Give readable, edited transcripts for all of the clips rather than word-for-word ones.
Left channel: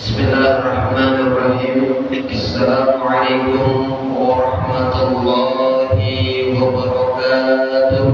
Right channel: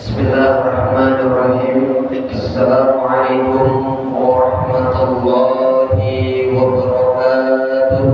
Bismillahirrahmanirrahim. Assalamualaikum warahmatullahi wabarakatuh.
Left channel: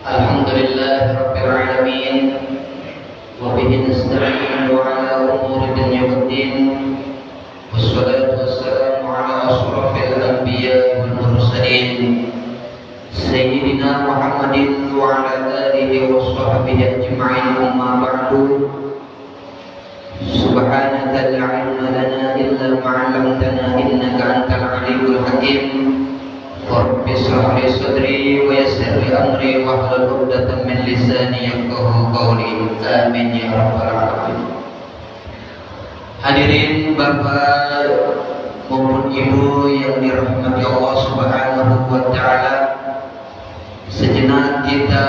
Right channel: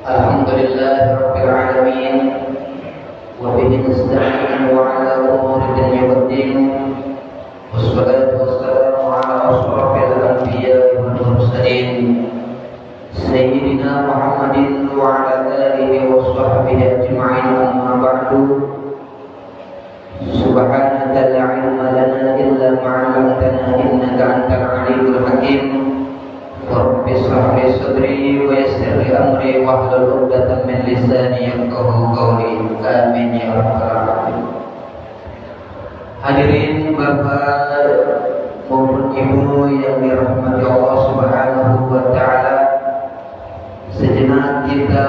Alhamdulillahirabbil alamin wa bihi nasta'in wa ala umuri dunya waddin. Wassalatu wassalamu ala asyrafil anbiya'i wal mursalin Sayyidina Muhammadin wa ala alihi wa sahbihi ajma'in, amma ba'du. Subhanaka la ilma lana illa ma 'allamtana innaka antal alimul hakim. Rabbi shrah li sadri wa yassir li amri wahlul 'uqdatam min lisani yafqahu qawli. Amin ya rabbal alamin. Hadirin Bapak maupun Ibu yang dirahmati Allah Subhanahu wa taala, sejenak kita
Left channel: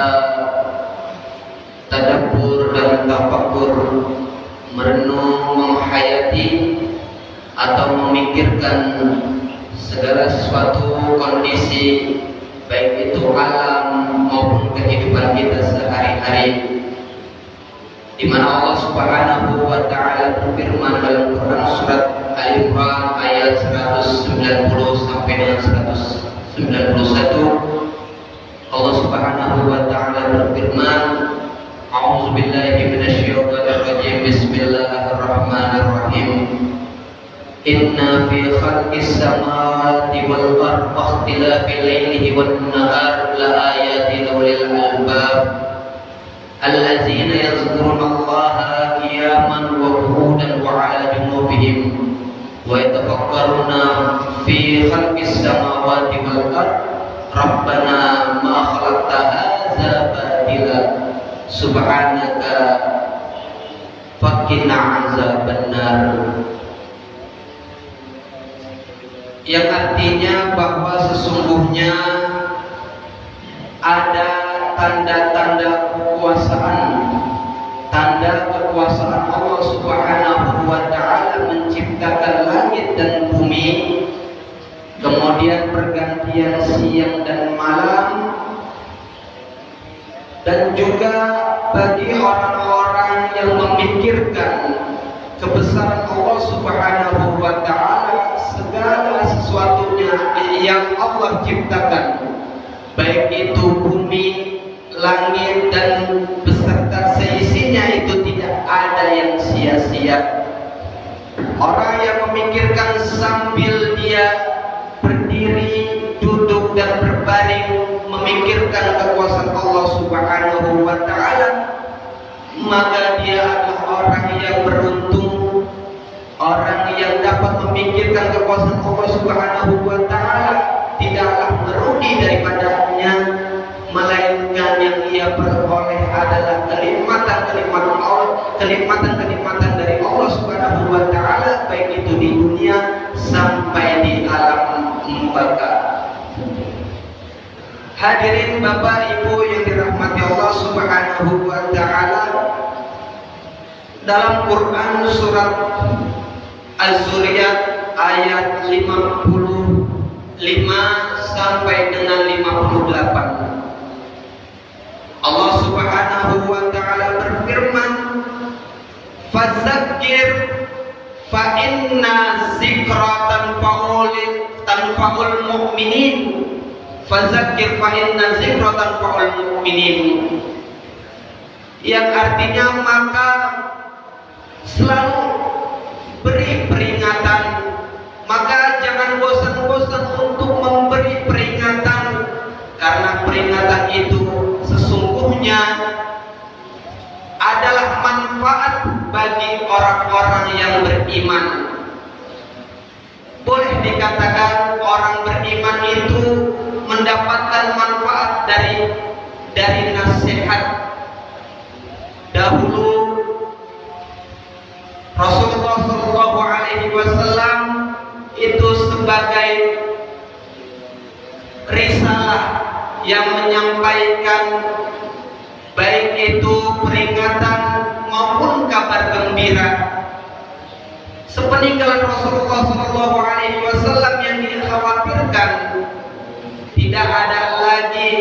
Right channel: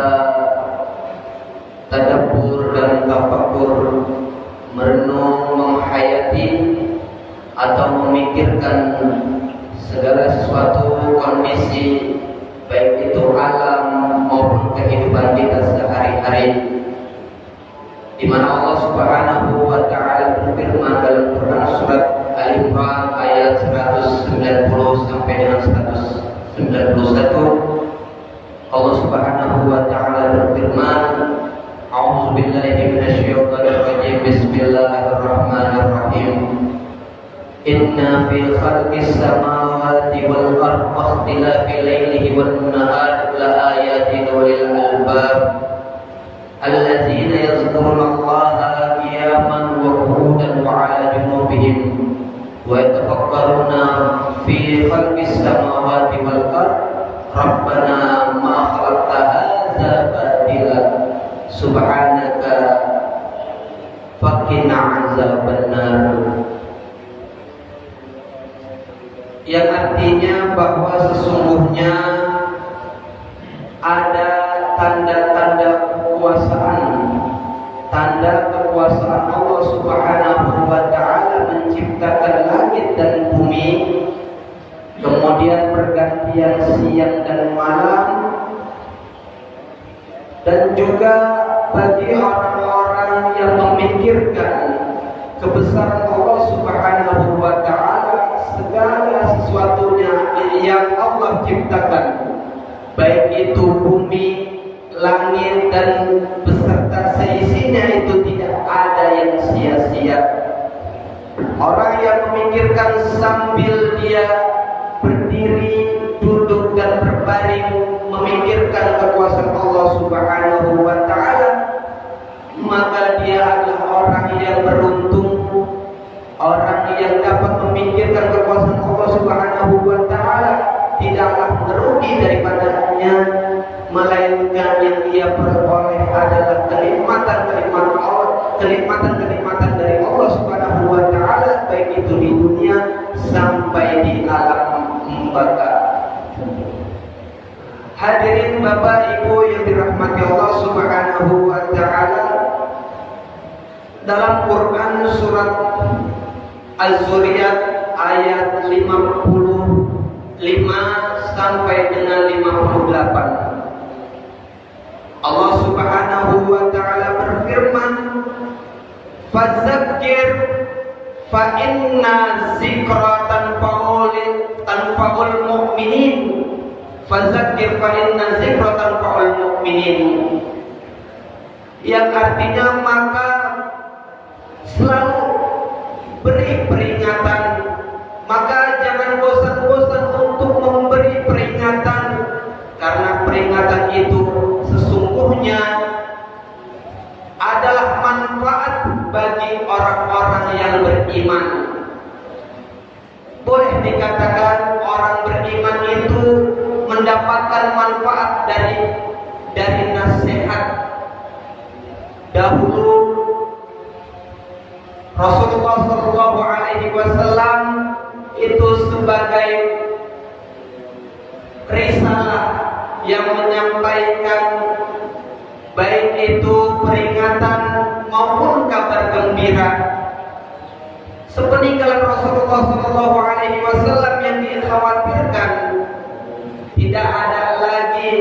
tadabbur dan tafakkur, merenung, menghayati atau memikirkan segala sesuatu kondisi, baik itu alam maupun kehidupan kita sehari-hari, di mana Allah Subhanahu wa taala berfirman dalam Quran surat Al-Imran ayat 190 sampai dengan 191. Allah Subhanahu wa taala berfirman, A'udzubillahi minasyaitonir rajim. Bismillahirrahmanirrahim. Inna fi khalqis samawati wal ardi wa ikhtilafil laili wan nahar la ayatin lil albab allazina yadhkuruna Allaha qiyaman wa qu'udan wa 'ala junubihim wa yatafakkaruna fi khalqis samawati wal ardi Rabbana ma khalaqta hadza batila subhanaka faqina azabannar. Yang artinya bahwa sesungguhnya ada tanda-tanda kekuasaan, tanda kekuasaan Allah Subhanahu wa taala menciptakan langit dan bumi, kemudian pergantian siang dan malam, dan juga bagi orang-orang yang memikirkan kebesaran Allah Subhanahu wa taala, segala sesuatunya yang Allah ciptakan, baik itu bumi, langit dan beserta seisinya, itu tidak ada yang sia-sia. Orang yang memikirkan sambil dia berdiri, duduk dan berbaring memikirkan kekuasaan Allah Subhanahu wa taala, maka dia adalah orang yang beruntung, orang yang dapat memikirkan kekuasaan Allah Subhanahu wa taala, tidaklah merugi daripadanya, melainkan yang ia peroleh adalah kenikmatan-kenikmatan Allah, kenikmatan-kenikmatan dari Allah Subhanahu wa taala, baik itu di dunia sampai di alam baka. Hadirin Bapak Ibu yang dirahmati Allah Subhanahu wa taala, dalam Quran surat Az-Zuriyat ayat 55 sampai dengan 58, Allah Subhanahu wa taala berfirman, "Fadzakir fa inna dzikra tanfa'ul mu'minin." Fadzakir fa inna dzikra tanfa'ul mu'minin. Yang artinya, maka selalu beri peringatan, maka jangan bosan-bosan untuk memberi peringatan, karena peringatan itu sesungguhnya adalah manfaat bagi orang-orang yang beriman. Boleh dikatakan orang beriman itu mendapatkan manfaat dari nasihat. Dahulu Rasulullah SAW itu sebagai risalah yang menyampaikan baik itu peringatan maupun kabar gembira. Sepeninggalan Rasulullah SAW yang dikhawatirkan tidak ada lagi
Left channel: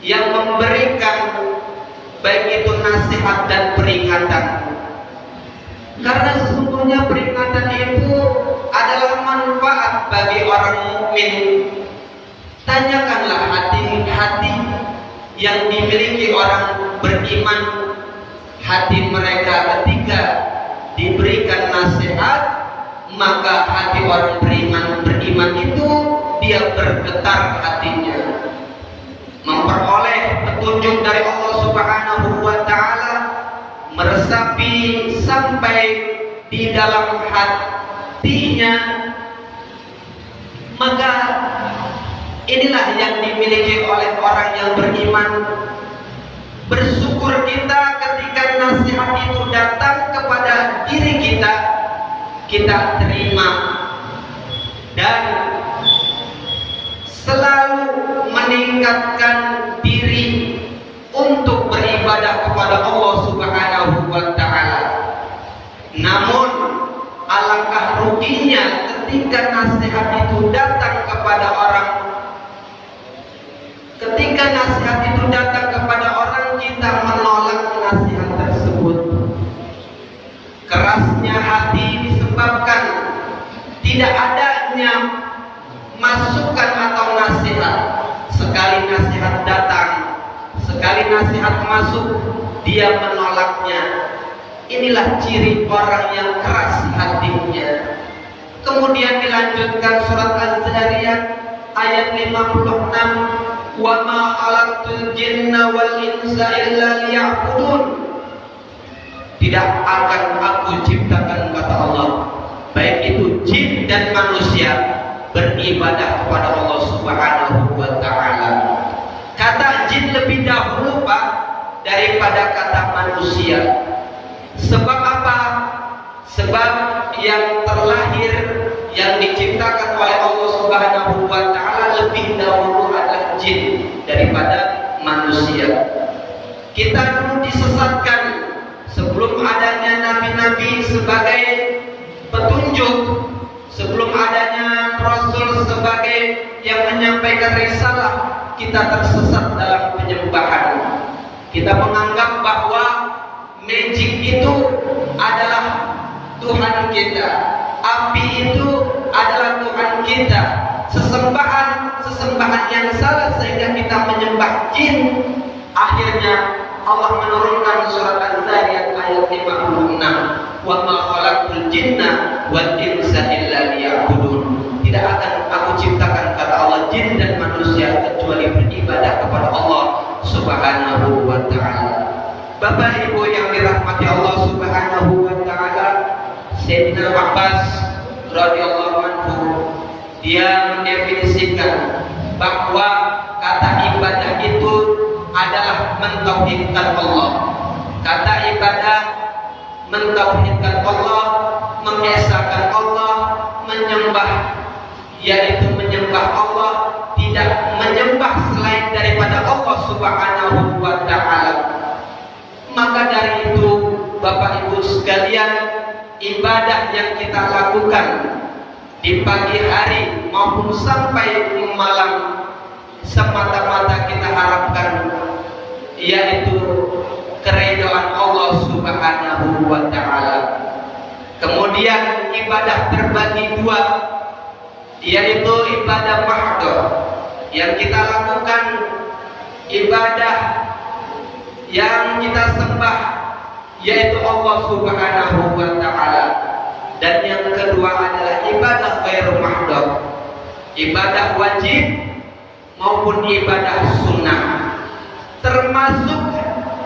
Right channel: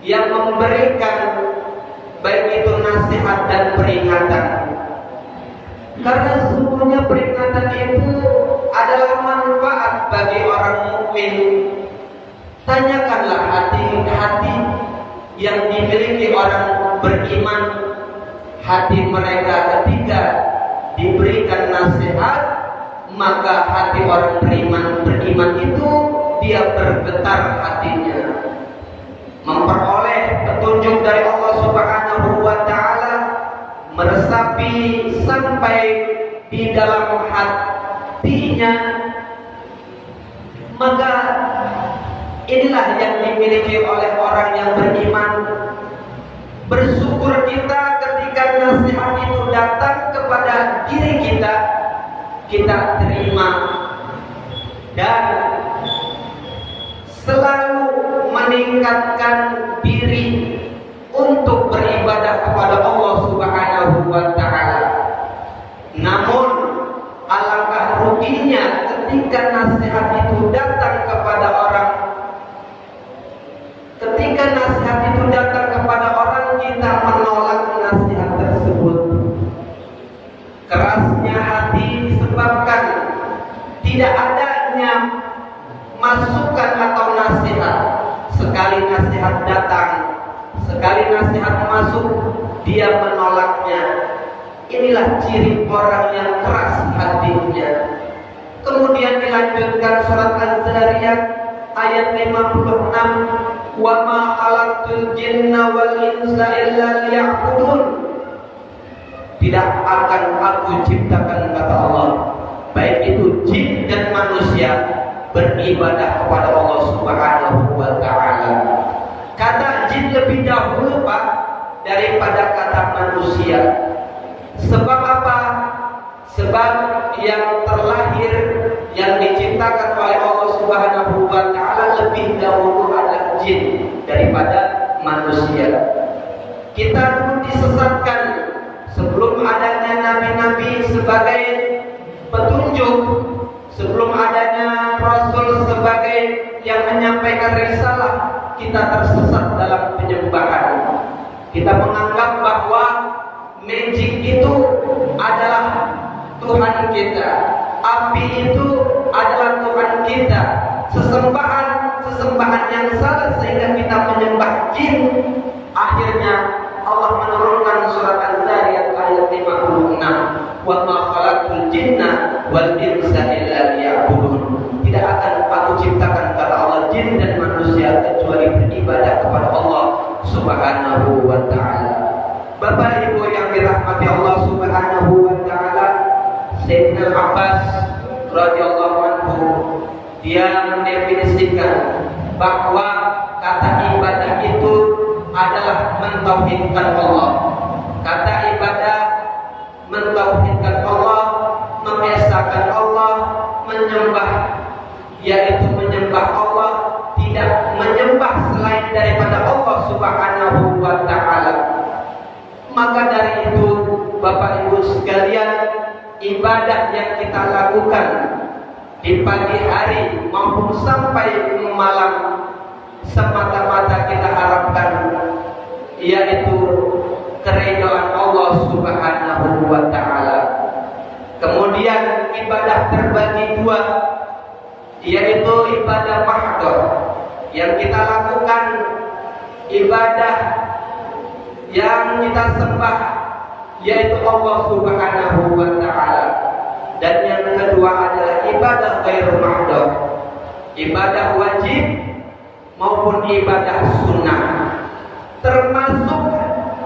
yang memberikan baik itu nasihat dan peringatan. Karena sesungguhnya peringatan itu adalah manfaat bagi orang mukmin. Tanyakanlah hati-hati yang dimiliki orang beriman, hati mereka ketika diberikan nasihat, maka hati orang beriman itu dia bergetar hatinya, memperoleh petunjuk dari Allah Subhanahu wa taala, meresapi sampai di dalam hatinya. Maka inilah yang dimiliki oleh orang yang beriman. Bersyukur kita ketika nasihat itu datang kepada diri kita, kita terima dan selalu meningkatkan diri untuk beribadah kepada Allah Subhanahu wa taala. Namun alangkah ruginya ketika nasihat itu datang kepada orang. Ketika nasihat itu datang kepada orang, kita menolak nasihat tersebut. Kerasnya hati disebabkan tidak adanya masukan atau nasihat. Sekali nasihat datang, sekali nasihat masuk, dia menolaknya. Inilah ciri orang yang keras hatinya. Kemudian dilanjutkan surat Az-Zariyat ayat 56, wa ma khalaqtul jinna wal insa illa liya'budun. Tidak akan aku ciptakan, kata Allah, baik itu jin dan manusia, beribadah kepada Allah Subhanahu wa taala. Kata jin lebih dahulu Pak daripada kata manusia. Sebab apa? Sebab yang terlahir, yang diciptakan oleh Allah Subhanahu wa taala lebih dahulu adalah jin daripada manusia. Kita dulu disesatkan sebelum adanya nabi-nabi sebagai petunjuk, sebelum adanya rasul sebagai yang menyampaikan risalah, kita tersesat dalam penyembahan. Kita menganggap bahwa magic itu adalah Tuhan kita, api itu adalah Tuhan kita, sesembahan yang salah sehingga kita menyembah jin. Akhirnya Allah menurunkan surat Az-Zariyat ayat 56, wa ma khalaqtul jinna wal insa illa liya'budun. Tidak akan aku ciptakan, kata Allah, jin dan manusia kecuali beribadah kepada Allah Subhanahu wa taala. Bapak Ibu yang dirahmati Allah Subhanahu wa taala, Sayyidina Abbas radhiyallahu anhu dia mendefinisikan bahwa kata ibadah itu adalah mentauhidkan Allah. Kata ibadah mentauhidkan Allah, mengesahkan Allah, menyembah, yaitu menyembah Allah, tidak menyembah selain daripada Allah Subhanahu wa taala. Maka dari itu Bapak Ibu sekalian, ibadah yang kita lakukan di pagi hari maupun sampai malam semata-mata kita harapkan yaitu keridhaan Allah Subhanahu wa taala. Kemudian ibadah terbagi dua, yaitu ibadah mahdhah yang kita lakukan, ibadah yang kita sembah yaitu Allah Subhanahu wa taala. Dan yang kedua adalah ibadah ghairu mahdhah, ibadah wajib maupun ibadah sunnah. Termasuk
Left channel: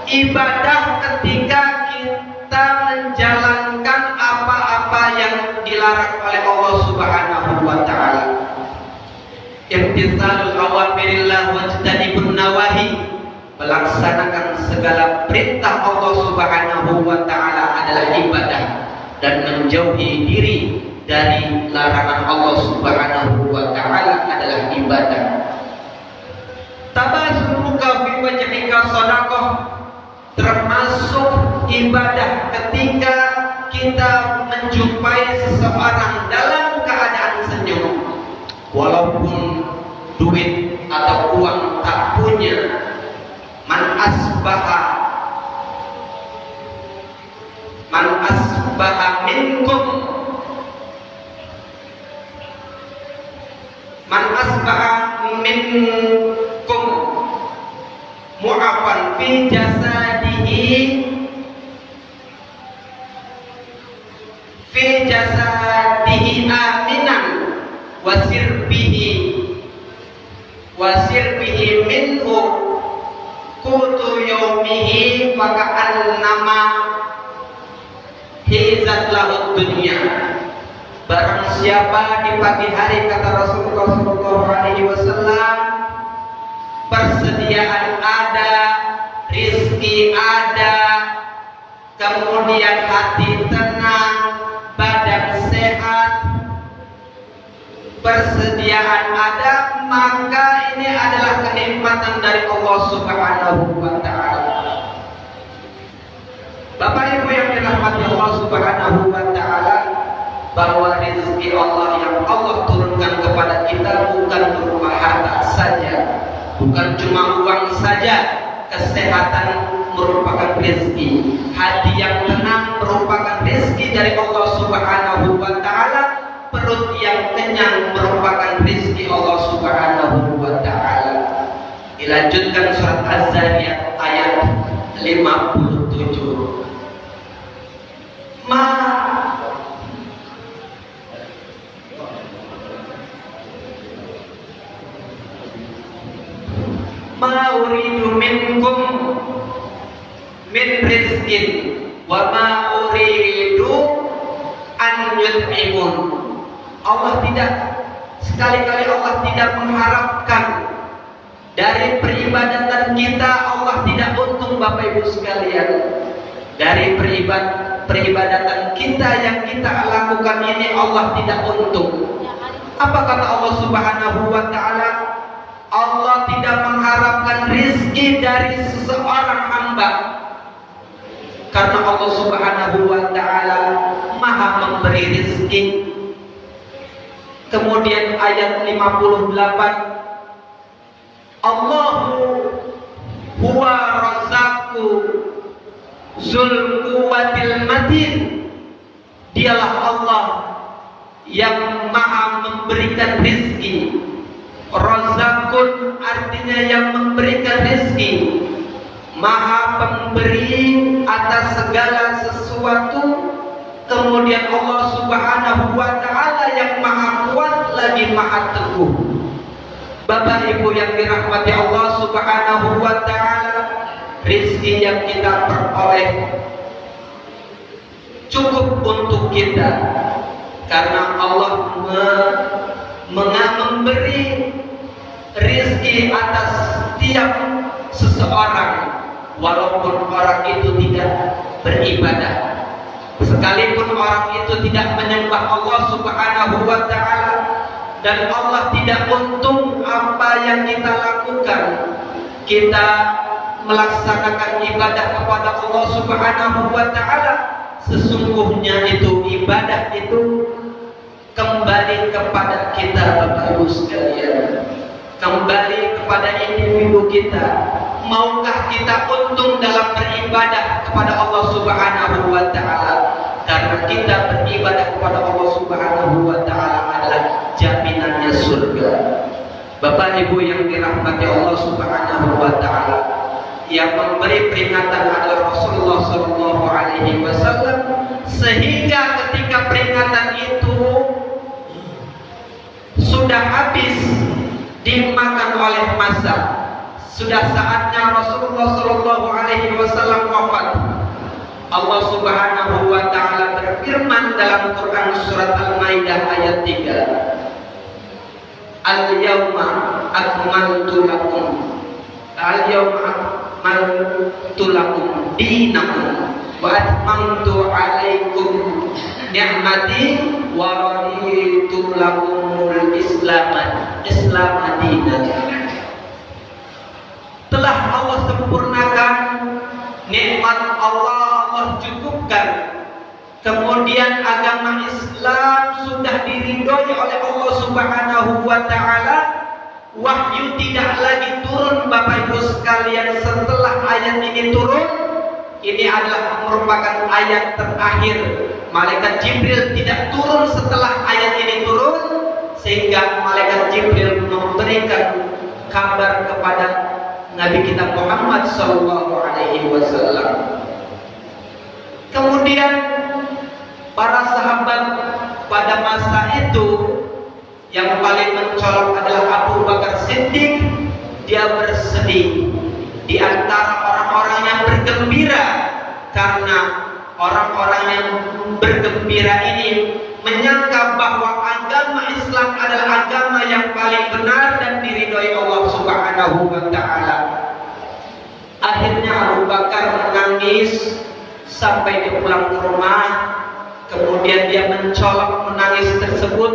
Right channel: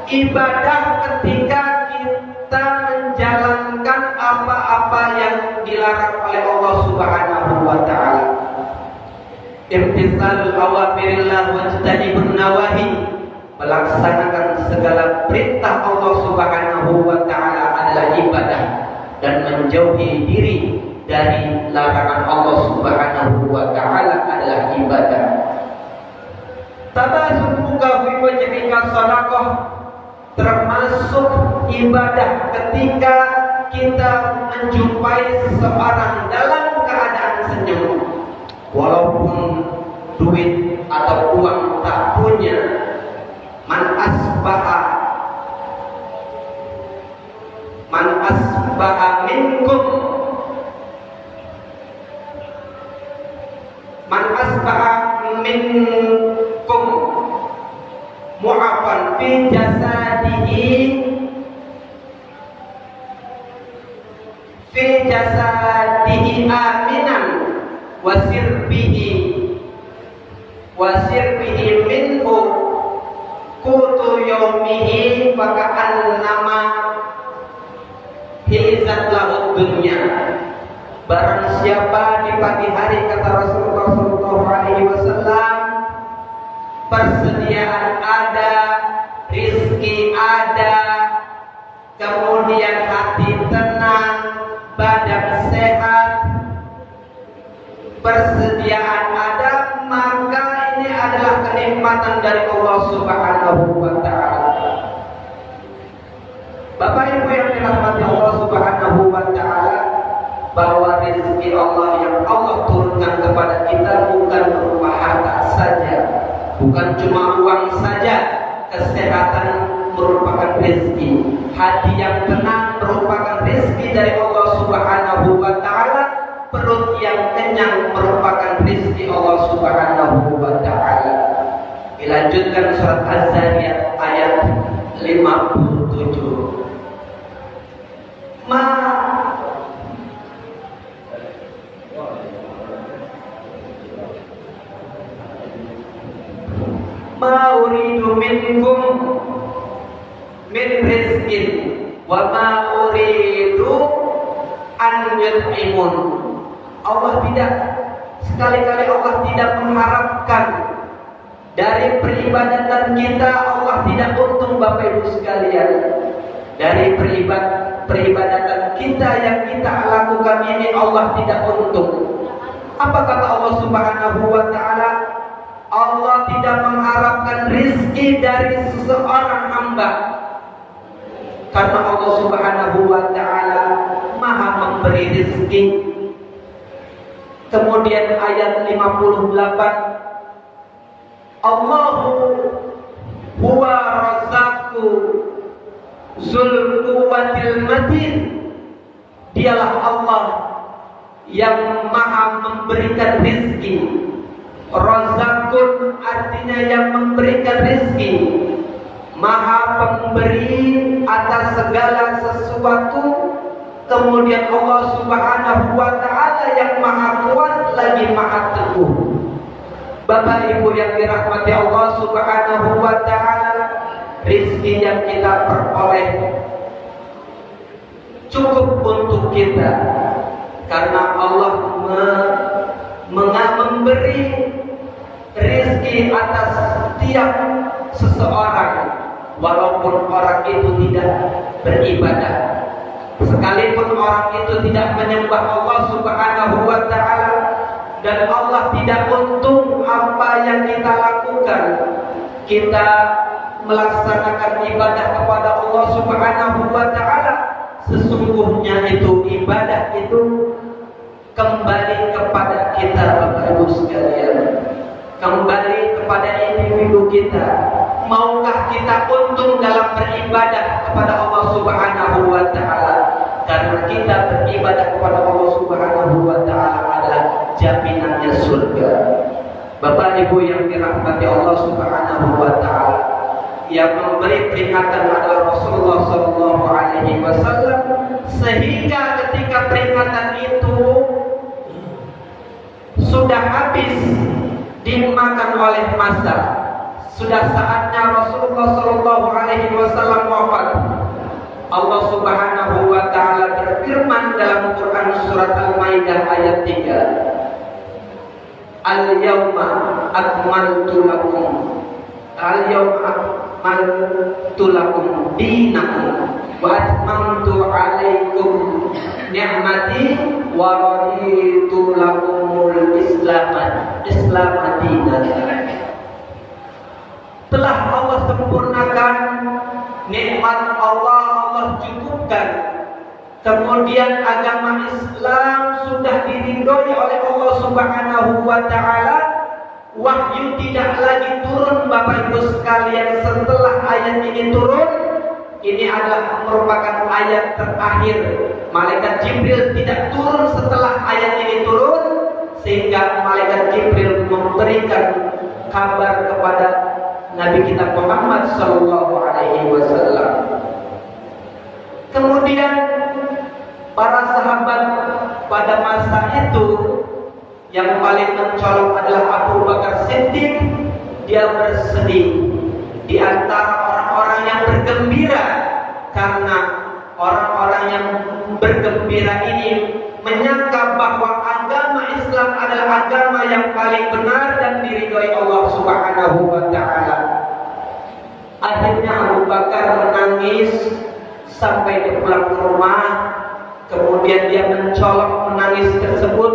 ibadah ketika kita menjalankan apa-apa yang dilarang oleh Allah Subhanahu wa taala. Imtithalul awamirillah wajtanibun nawahi, melaksanakan segala perintah Allah Subhanahu wa taala adalah ibadah, dan menjauhi diri dari larangan Allah Subhanahu wa taala adalah ibadah. Tabasumuka fi wajhika shadaqah, termasuk ibadah ketika kita menjumpai seseorang dalam keadaan senyum, walaupun duit atau uang tak punya. Man asbaha seseorang fi jasadihi aminan wasir bihi minhu kutu yaumihi faka'an nama hizat lahud dunia. Barang siapa di pagi hari, kata Rasulullah SAW, persediaan ada, rizki ada, kemudian hati tenang, badan sehat, persediaan ada, maka ini adalah kenikmatan dari Allah Subhanahu wa Ta'ala. Bapak Ibu yang dirahmati Allah Subhanahu wa Ta'ala, bahwa rezeki Allah yang Allah turunkan kepada kita bukan berupa harta saja, bukan cuma uang saja. Kesehatan merupakan rezeki, hati yang tenang merupakan rezeki dari Allah Subhanahu wa Ta'ala, perut yang kenyang merupakan rezeki Allah Subhanahu wa Ta'ala. Dilanjutkan surat Az-Zariyat ayat 57. Ma uridu minkum min rizkin wa ma uridu an yut'imun. Allah tidak, sekali-kali Allah tidak mengharapkan dari peribadatan kita. Allah tidak untung, Bapak Ibu sekalian, dari peribadatan kita yang kita lakukan ini Allah tidak untung. Apa kata Allah Subhanahu wa Ta'ala? Allah tidak mengharapkan rizki dari seseorang hamba, karena Allah Subhanahu wa Ta'ala maha memberi rizki. Kemudian ayat 58, Allahu huwa razaqu zul quwwatil matin. Dialah Allah yang maha memberikan rizki. Razakun artinya yang memberikan rezeki, maha pemberi atas segala sesuatu. Kemudian Allah Subhanahu wa Ta'ala yang maha kuat lagi maha teguh. Bapak Ibu yang dirahmati Allah Subhanahu wa Ta'ala, rezeki yang kita peroleh cukup untuk kita, karena Allah memberi rezeki atas setiap seseorang, walaupun orang itu tidak beribadah, sekalipun orang itu tidak menyembah Allah Subhanahu wa Ta'ala, dan Allah tidak untung apa yang kita lakukan. Kita melaksanakan ibadah kepada Allah Subhanahu wa Ta'ala, sesungguhnya itu ibadah itu kembali kepada kita, Bapak Ibu sekalian, kembali kepada individu kita. Maukah kita untung dalam beribadah kepada Allah Subhanahu wa Ta'ala? Karena kita beribadah kepada Allah Subhanahu wa Ta'ala adalah jaminannya surga. Bapak Ibu yang dirahmati Allah Subhanahu wa Ta'ala, yang memberi peringatan adalah Rasulullah SAW, sehingga ketika peringatan itu sudah habis dimakan oleh masa, sudah saatnya Rasulullah SAW wafat, Allah Subhanahu wa Ta'ala berfirman dalam Quran surat Al-Maidah ayat 3, Al-yawma akmaltu lakum dinakum wa atmamtu alaikum ni'mati wa raditu lakumul Islam dinan. Telah Allah sempurnakan nikmat Allah cukupkan. Kemudian agama Islam sudah diridhoi oleh Allah Subhanahu wa Ta'ala. Wahyu tidak lagi turun, Bapak Ibu sekalian, setelah ayat ini turun. Ini adalah merupakan ayat terakhir. Malaikat Jibril tidak turun setelah ayat ini turun, sehingga Malaikat Jibril memberikan kabar kepada Nabi kita Muhammad sallallahu alaihi wasallam. Kemudian para sahabat pada masa itu yang paling mencolok adalah Abu Bakar Siddiq. Dia bersedih di antara orang-orang yang bergembira, karena orang-orang yang bergembira ini menyangka bahwa agama Islam adalah agama yang paling benar dan diridhoi Allah Subhanahu wa taala. Akhirnya Abu Bakar menangis sampai dia pulang ke rumah. Kemudian dia mencolok menangis tersebut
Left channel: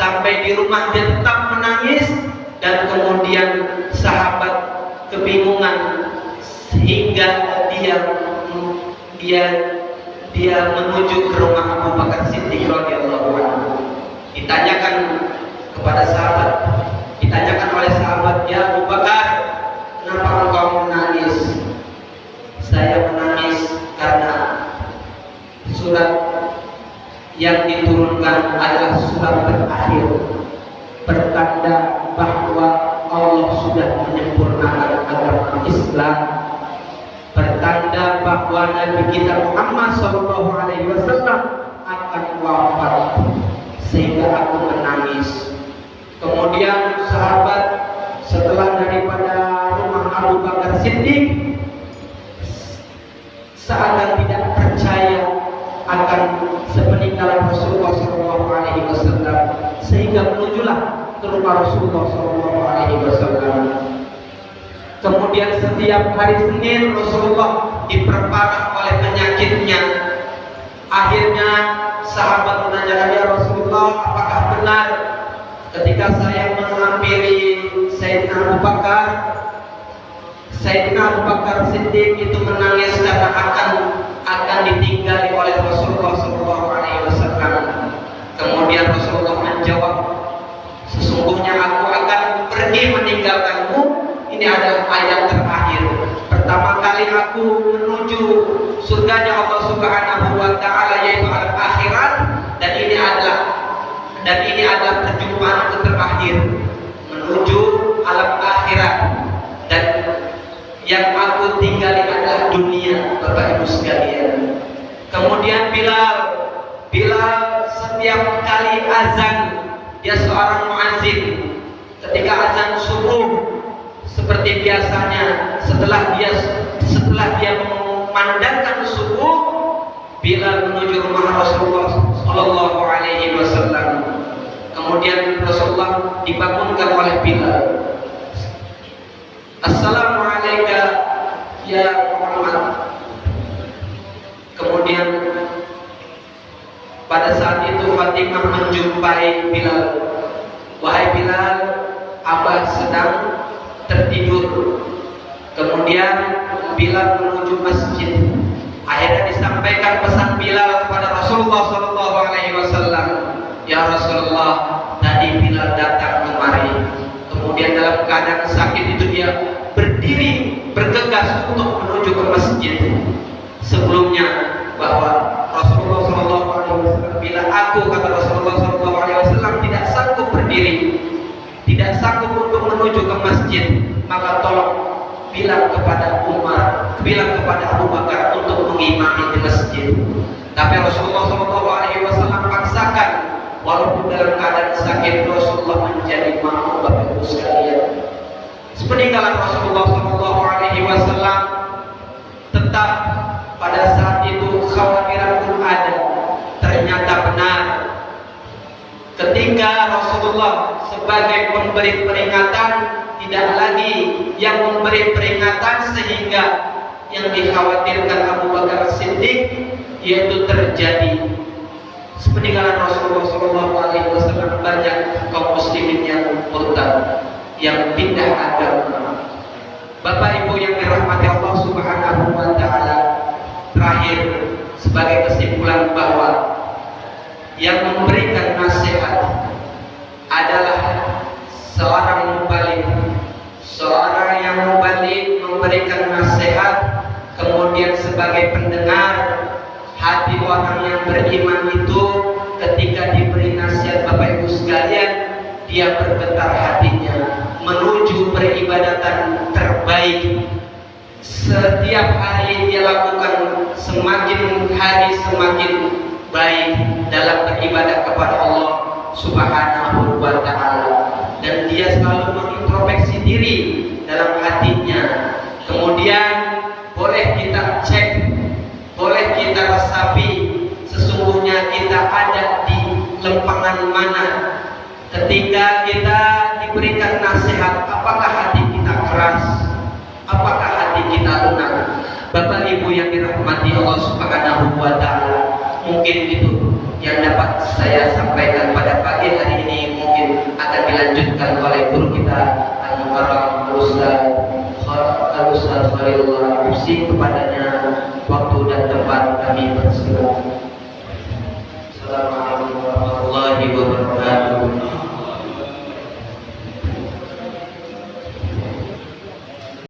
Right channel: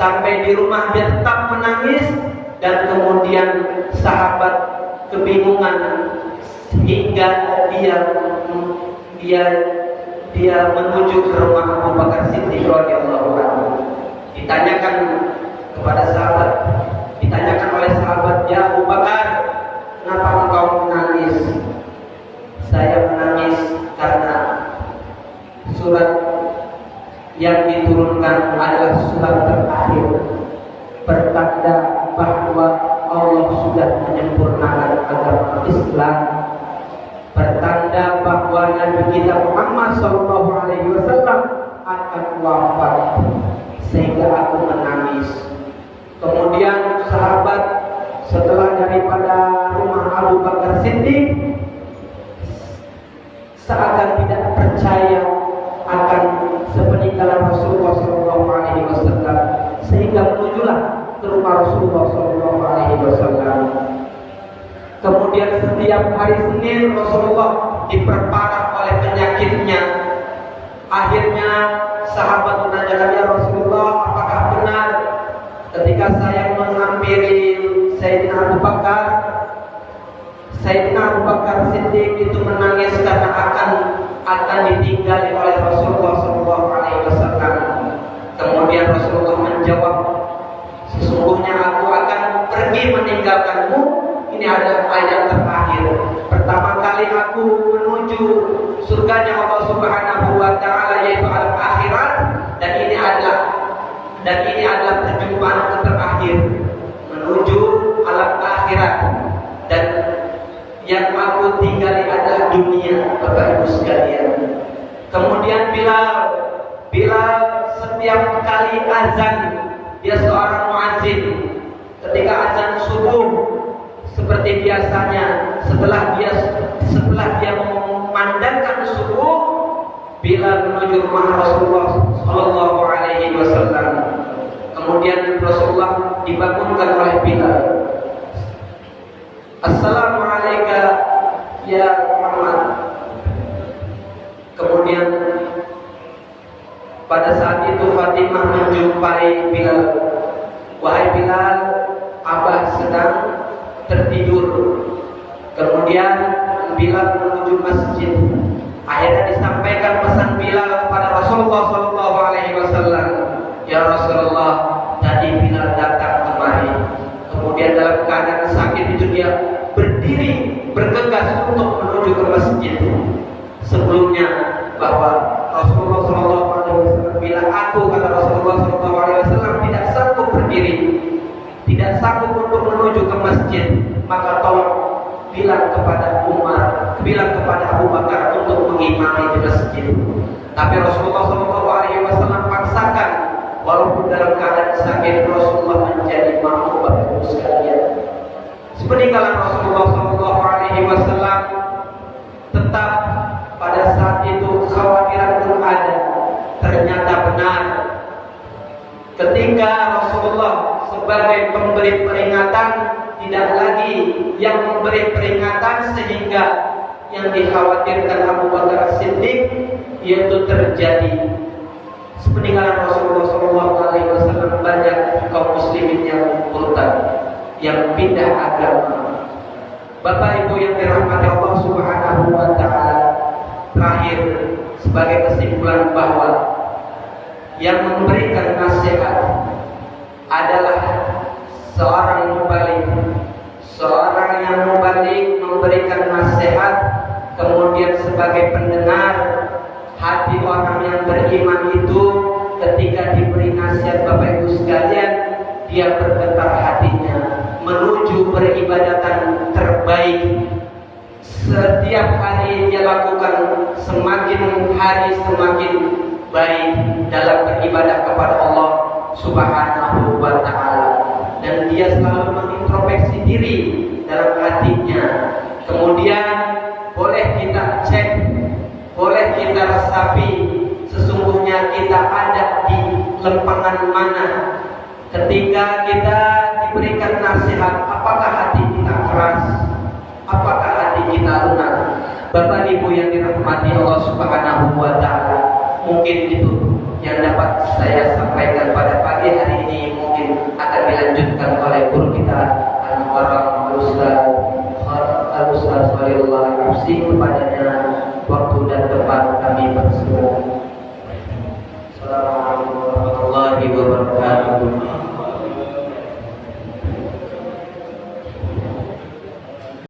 sampai di rumah dia tetap menangis, dan kemudian sahabat kebingungan sehingga dia menuju ke rumah Abu Bakar Siddiq radhiyallahu anhu. Ditanyakan kepada sahabat, ditanyakan oleh sahabat, "Ya Abu Bakar, kenapa engkau menangis?" "Saya menangis karena surat yang diturunkan adalah surat terakhir, pertanda bahwa Allah sudah menyempurnakan agama Islam, pertanda bahwa Nabi kita Muhammad sallallahu alaihi wasallam akan wafat, sehingga aku menangis." Kemudian sahabat setelah daripada rumah Abu Bakar Siddiq seakan tidak percaya akan sepeninggalan Rasulullah sallallahu alaihi wasallam, sehingga menujulah ke rumah Rasulullah sallallahu alaihi wasallam. Kemudian setiap hari Senin Rasulullah diperparah oleh penyakitnya. Akhirnya sahabat menanyakan, "Ya Rasulullah, apakah benar ketika saya menghampiri Sayyidina Abu Bakar, Sayyidina Abu Bakar Siddiq itu menangis karena akan ditinggali oleh Rasulullah sallallahu alaihi wasallam?" Kemudian Rasulullah menjawab, "Sesungguhnya aku akan pergi meninggalkanmu. Ini adalah ayat terakhir. Pertama kali aku menuju surganya Allah Subhanahu wa taala, yaitu alam akhirat, dan ini adalah perjumpaan terakhir menuju alam akhirat, dan yang aku tinggali adalah dunia, Bapak Ibu sekalian." Kemudian Bilal setiap kali azan, dia seorang muazzin. Ketika azan subuh, seperti biasanya setelah dia memandangkan subuh, Bilal menuju rumah Rasulullah sallallahu alaihi wasallam. Kemudian Rasulullah dibangunkan oleh Bilal. "Assalamualaikum ya Muhammad." Kemudian pada saat itu Fatimah menjumpai Bilal. "Wahai Bilal, Abah sedang tertidur." Kemudian Bilal menuju masjid. Akhirnya disampaikan pesan Bilal kepada Rasulullah sallallahu alaihi wasallam. "Ya Rasulullah, tadi Bilal datang kemari. Kemudian dalam keadaan sakit itu dia berdiri bergegas untuk menuju ke masjid. Sebelumnya bahwa Rasulullah sallallahu alaihi wasallam, bila aku, kata Rasulullah sallallahu alaihi wasallam, tidak sanggup berdiri, tidak sanggup untuk menuju ke masjid, maka tolong bilang kepada Abu Bakar untuk mengimami di masjid." Tapi Rasulullah sallallahu alaihi wasallam paksakan, walaupun dalam keadaan sakit Rasulullah menjadi makmum. Bapak Ibu sekalian, sepeninggalan Rasulullah sallallahu alaihi wasallam, tetap pada saat itu kekhawatiran pun ada. Ternyata benar, ketika Rasulullah sebagai pemberi peringatan, tidak lagi yang memberi peringatan sehingga yang dikhawatirkan Abu Bakar Siddiq, yaitu terjadi sepeninggalan Rasulullah SAW banyak kaum muslimin yang murtad, yang pindah agama. Bapak Ibu yang dirahmati Allah Subhanahu wa taala, terakhir sebagai kesimpulan bahwa yang memberikan nasihat adalah seorang mubalik, seorang yang mubalik memberikan nasihat, kemudian sebagai pendengar, hati orang yang beriman itu ketika diberi nasihat, Bapak Ibu sekalian, dia bergetar hatinya menuju peribadatan terbaik setiap hari dia lakukan semakin hari semakin baik dalam beribadah kepada Allah Subhanahu wa Ta'ala, dan dia selalu mengintrospeksi diri dalam hatinya. Kemudian boleh kita cek, boleh kita resapi sesungguhnya kita ada di lempangan mana ketika kita diberikan nasihat. Apakah hati kita keras? Apakah hati kita lunak? Bapak Ibu yang dirahmati Allah Subhanahu wa Ta'ala, mungkin itu yang dapat saya sampaikan pada pagi hari ini. Mungkin akan dilanjutkan oleh guru kita Al-Mukarram Al-Ustaz Khalilullah Al-Hussi. Kepadanya waktu dan tempat kami persilakan. Assalamualaikum warahmatullahi wabarakatuh.